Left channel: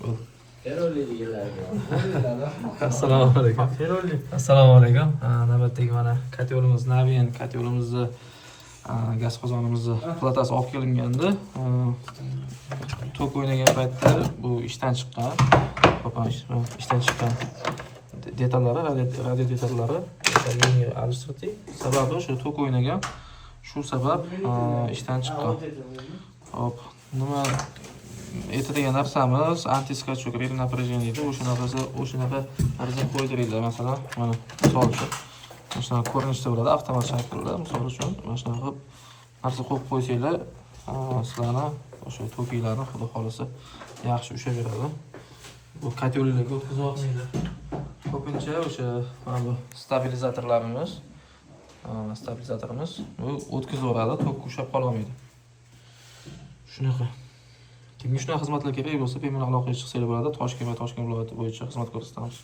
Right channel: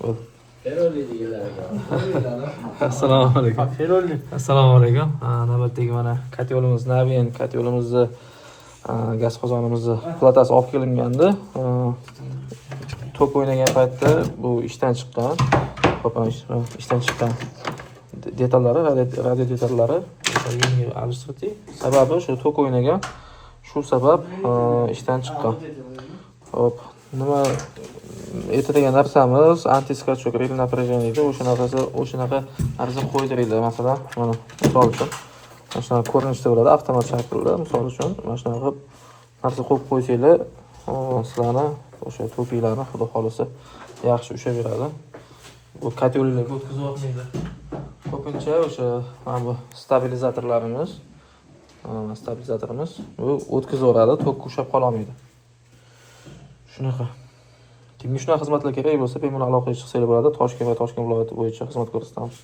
Bo'ldi. Feroli deganlarga. Assalomu alaykum. Feroli. Assalomu alaykum. Navbatdagi mana kotyolimiz, Navin kotyolimizni gaz qozonimizni platasi olib kelingandi. Tok o'ynagan paytda bu ishdan chiqqan. Ishdan chiqqan detallari, radio detallari yangi alishtirdik. Sababi shu tok o'ynagan. Shu sabab ishdan chiqqan. Hop, nima aytadigan narsamiz antiskachok rel напряжение edi. O'shanaqa arzon qo'ydiringlar, masalan, mana misol uchun. Mana shunaqa ko'rinishda bo'ladi, avtomat shaklda, misol uchun. Mana shunaqa qilib narsa qo'yib qo'ysanglar, sizlarni o'sha tokinglarni xudo xolisa yaxshi ushaveradi. Bu kotyollarga o'tkazib olmaydi. Ko'pincha o'sha mana bu stabilizatorlarimiz, bu o'tkazaveradi, tok ushlab qola olmaydi. Shunaqa. Kimga shunaqa xizmatlar kerak bo'lsa, bemalol aloqaga chiqsanglar bo'ladi. Toshkent va Toshkent viloyati bo'yicha xizmat ko'rsatamiz.